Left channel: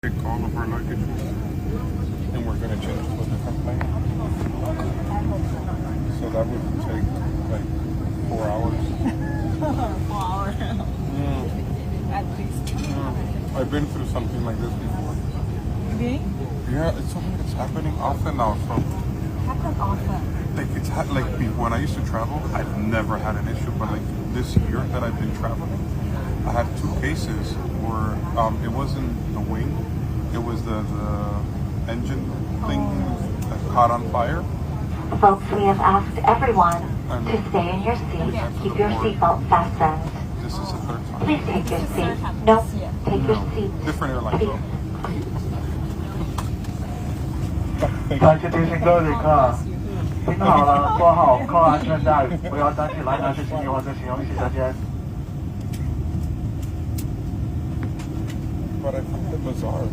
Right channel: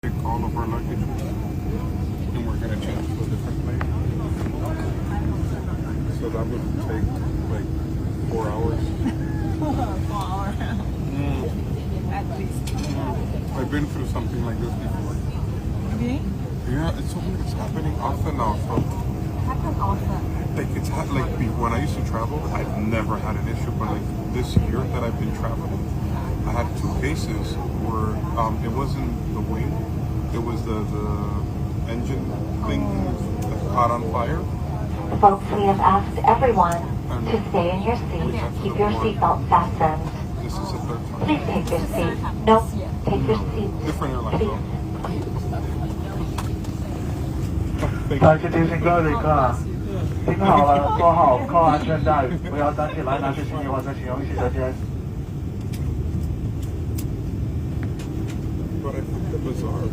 Take all of our luggage and we're going to change to a different plane. So that would take like 4 hours. I've been through something like this before. Okay. Yeah, it's happening often now. Like when I used to travel, I've never had an issue. But like this year that I've been traveling, I had 2 cases where it wasn't the wing, it was the engine thing that caught on fire. Folks, we have asked everyone to stay in your seat. Keep your seatbelt fastened. This is a third time. Please take your seat. No, take your seat. Different airline. Please. 再次提醒各位旅客，听好了，挂好扣安全带，不要站起来拿着行李或者使用洗手间。 But I find it bizarre.